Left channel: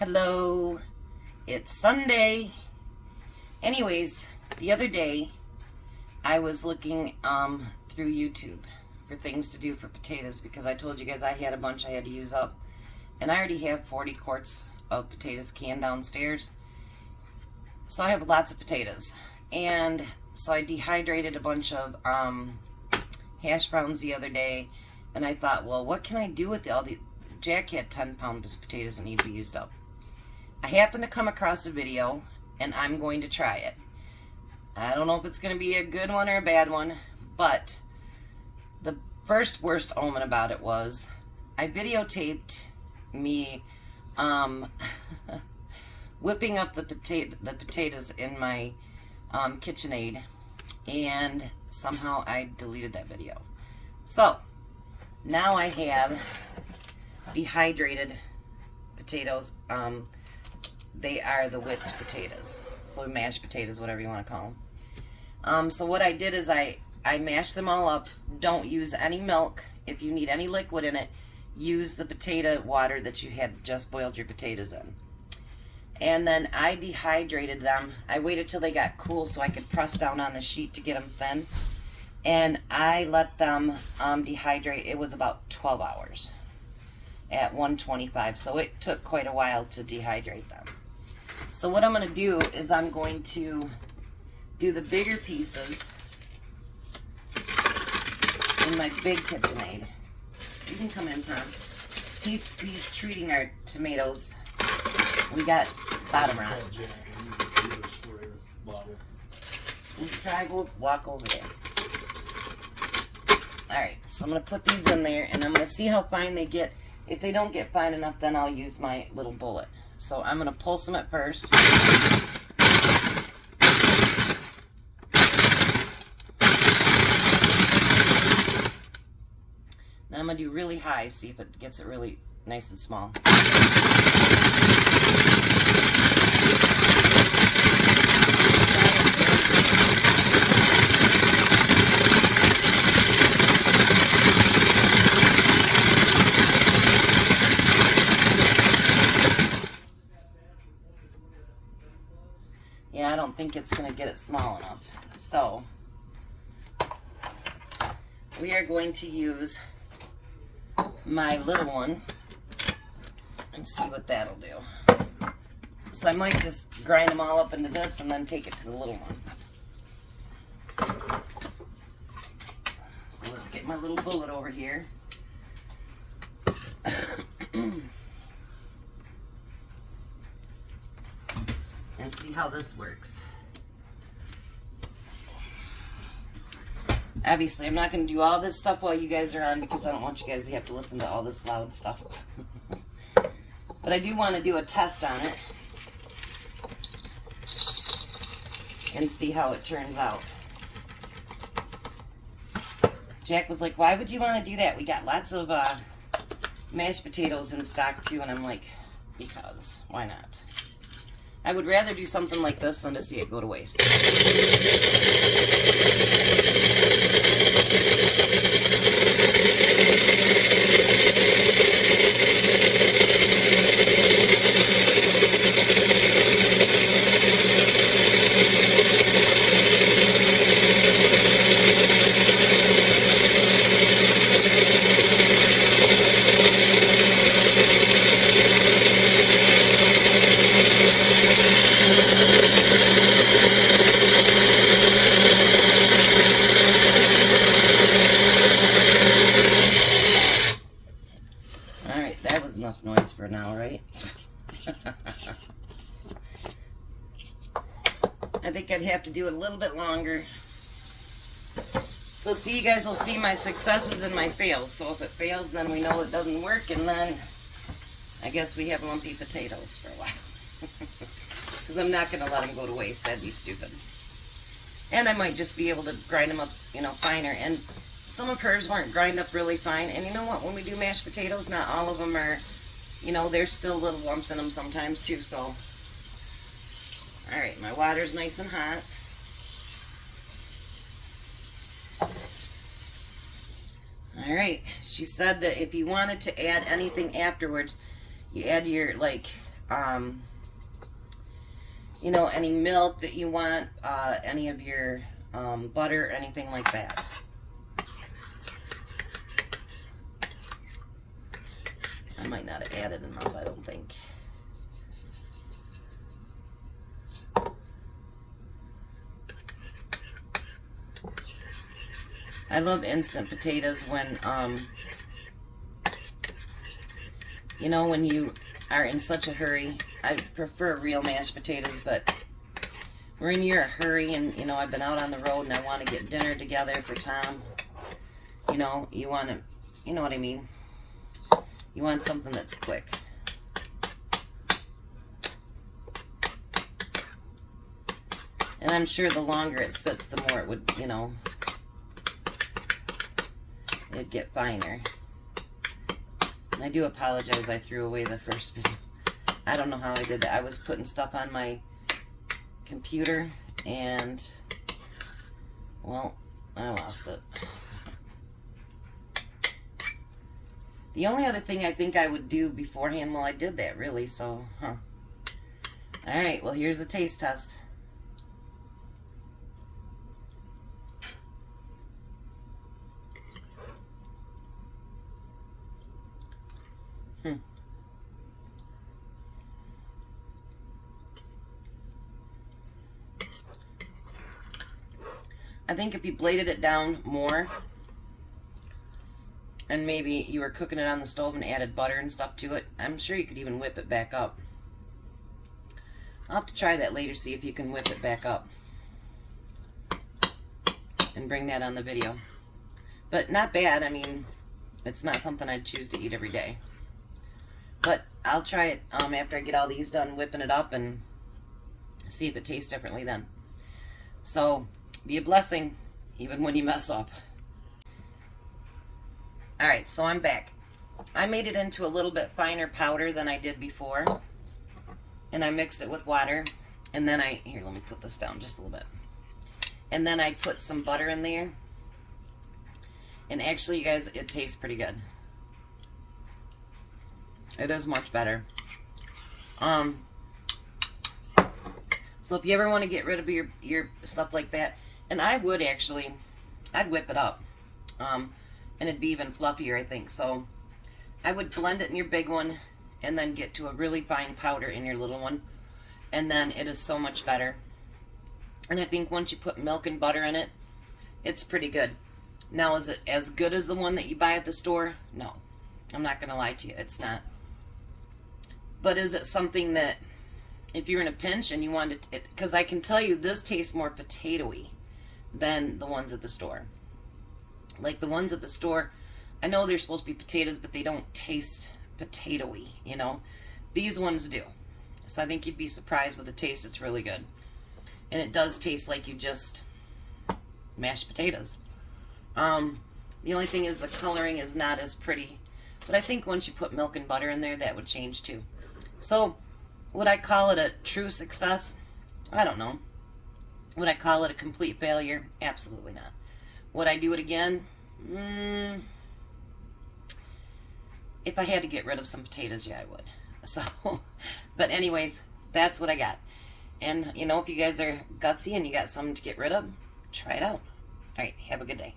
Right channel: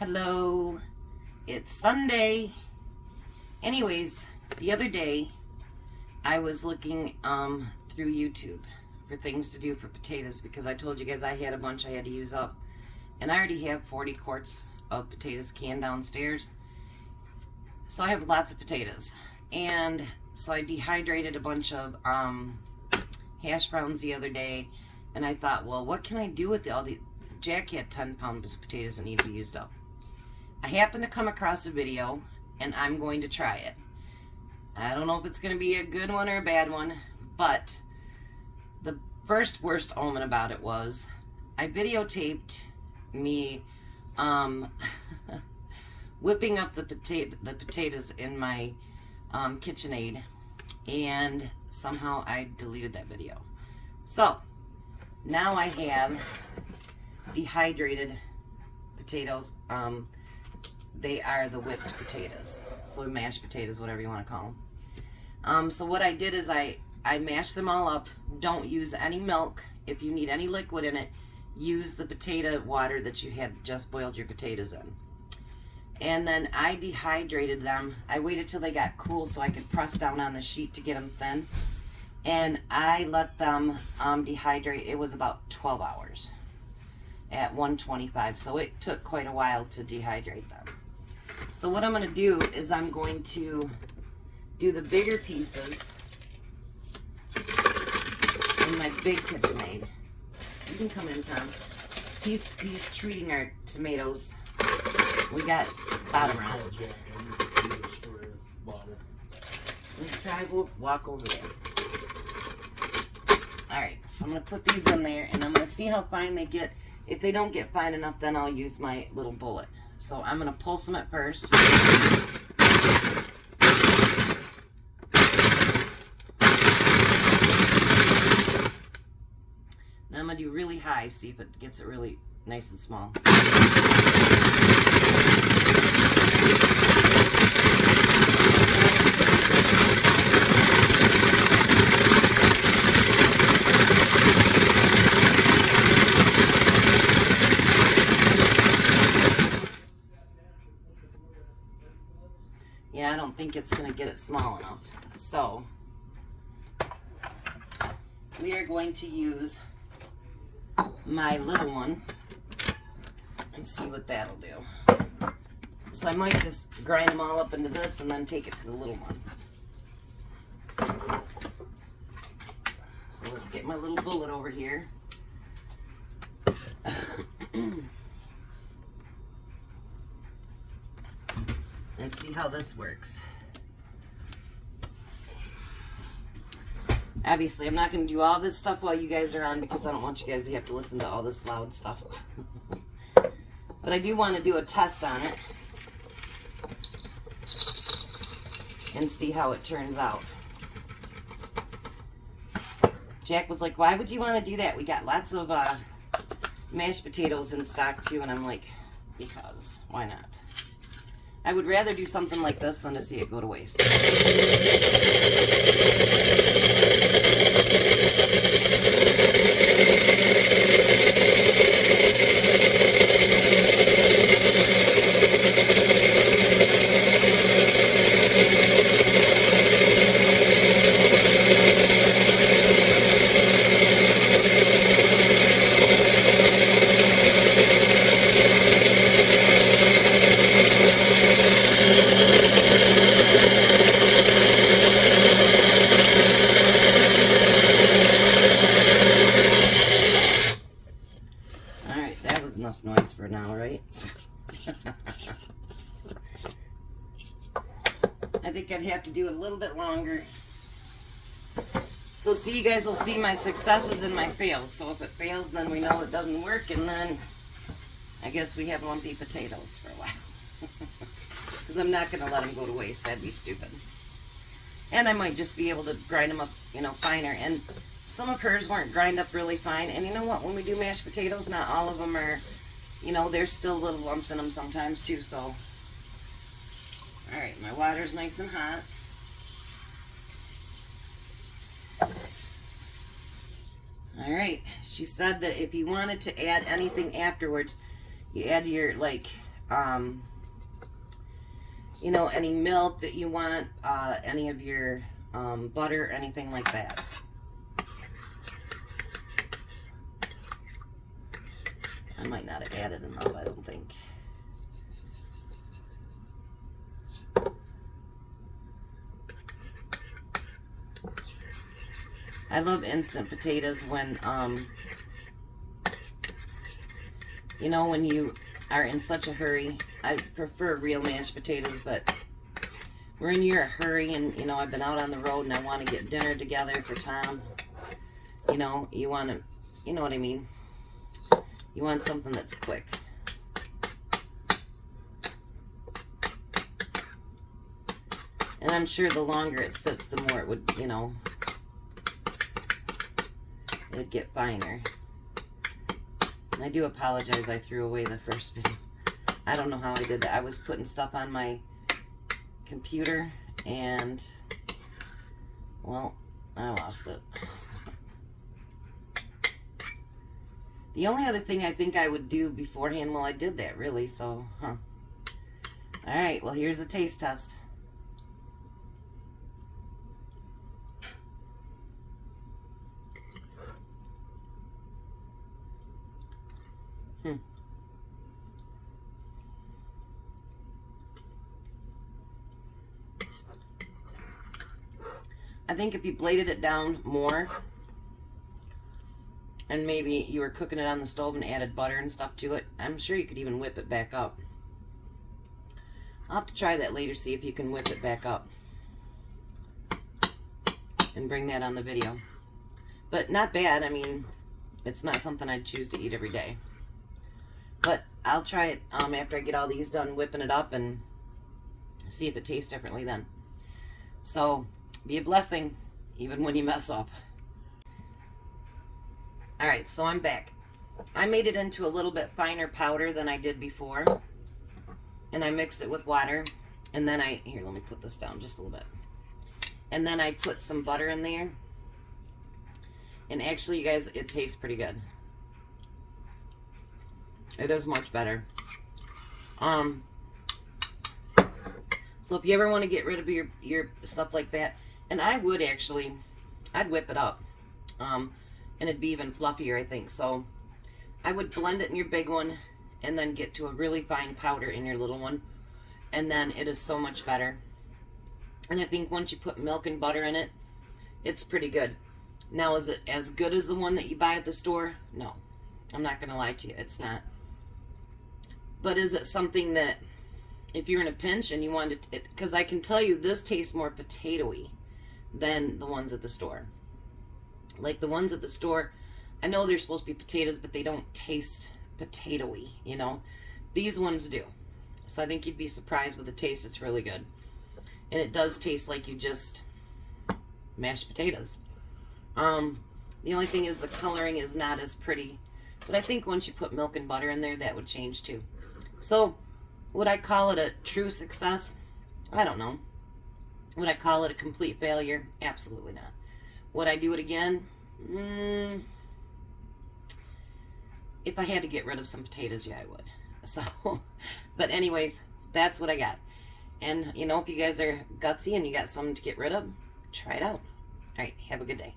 Hello, it's Sunday. Anyways, the other day I was looking through YouTube for things to do for potatoes because I told you guys I had a bunch I had to use up, and I already have 40 quarts of potatoes canned downstairs, so I have lots of potatoes. And so I dehydrated a bunch of hash browns the other day, and I thought, well, what can I do with all the Jack had 10 pounds of potatoes that need to be used up. I happened to come across a video, and I'm going to try it. I don't know if it's going to be a good one or a bad one, but the first worst omen about it was I videotaped me whipping up the potatoes in my KitchenAid, and somehow I deleted that video. So now I have dehydrated potatoes. They are the whipped potatoes, so mashed potatoes, whatever you want to call them. So what I did is I mashed them all up. Don't use any milk. If you need any liquid in it, use the potato water that you had just boiled your potatoes in. And then I dehydrated them. I waited till they got cool so I could press down on the sheet to get them thin. And I let them dehydrate. It was about 12 hours at 125, so it took quite a while to dehydrate them. So what I'm going to do is I'm going to do the bigger pieces in my big KitchenAid. You can come in, Tom. He's treating our tomatoes. We got bottom rot. Walk over there. Alright, so I'm going to put these in there, and I'm going to see how fine they get. If they don't get fine enough, then I'll use my little bullet. So I'm going to pulse them at first. Then I'm going to do really high, see if it gets it really nice and small. Yeah, I don't think it's going to get it small enough. So we are going to use my little one and see what that'll do. So I might just grind them all up into this and then take it to the little one. So let's get my little bullet over here. And see how this works. Obviously, I'm not going to do all this stuff while you guys are on because I don't want you guys to have to listen to all this loud stuff. But I do want to do a test on it and see how it turns out. Jack was like, why would you want to do that? We got lots of mashed potatoes in stock too. And I'm like, because, why not? I would rather do something like this than to see it go to waste. Enough noise for now, right? I think I'd have to do it a little bit longer. So see, you guys will see my successes and my fails. So if it fails, then we know it doesn't work, and then I guess we have lumpy potatoes for a while. Because I'm not going to let them go to waste. That'd be stupid. And I might just be able to grind them up, finer. And some of hers weren't grind up really fine. And you know what? When we do mashed potatoes, not all of them are, there's still little lumps in them sometimes too. So, all right, my water's nice and hot. All right, she said that if you wanted to add anything afterwards, you add your, you know, any milk that you want, any of your butter, anything like that. I might not have added enough, I don't think. I love instant potatoes when, you know, when you are in such a hurry. I prefer real mashed potatoes, but when you're in a hurry and, you know, I've been out on the road and I want to get dinner together for Tom, you know, you want to, you know what I mean? You want something that's quick. And I'm sure the longer it sits, the more it would, you know, it'd get finer. And I do apologize, I threw away the first video. I don't know how I did that. I was putting stuff on my computer and, well, I lost it. The only other thing I think I would do beforehand, well, I did that really, so, Alright, well, here's a taste test. I think if you bladed it down more, and maybe you were cooking it on the stove and added butter and stuff to it, I'm sure you could even whip it back up. I'll have to try that later, see if you can whip it back up. And bring that on the video. But not bad, I mean, it's not something I'd choose to eat every day. But I'll try it after I get all these done whipping it up and see if it tastes differently then. So, be a blessing, even when you mess up. Alright, so I'm back. I made it into a little bit finer powder than I did before. And I mixed it with water. And then here, let me put this down just a little bit. And then I put some butter in there. And actually, you guys, it tastes pretty good. It is much better. So if you ever want to get rid of your stuff like that, and I would actually, I'd whip it up. And it'd be even fluffier, I think. So I would blend it in your big one and then get to a really fine powder in your little one. And then it is so much better. And I think once you put milk and butter in it, it's pretty good. Now, is it as good as the one that you buy at the store? No. I'm not going to lie to you. It's not. But is it something that, if you're in a pinch and you want it, because I can tell you this tastes more potato-y than the ones at the store. Like the ones at the store, I know they're supposed to be potatoes, but they don't taste potato-y, you know. These ones do. So I think you'd be surprised with the taste. It's really good. And it does taste like you just mashed potatoes. The only thing is the coloring is not as pretty. But I think once you put milk and butter in there, that would change too. So, would I call it a true success? I don't know. Would I call it a complete failure? Absolutely not. Would I do it again? If I had to get rid of some potatoes, yeah, I would. So, but anyways, that's what I got. And, you know, if you guys are gutsy and you got something to get rid of, try it out. All right, have a good day.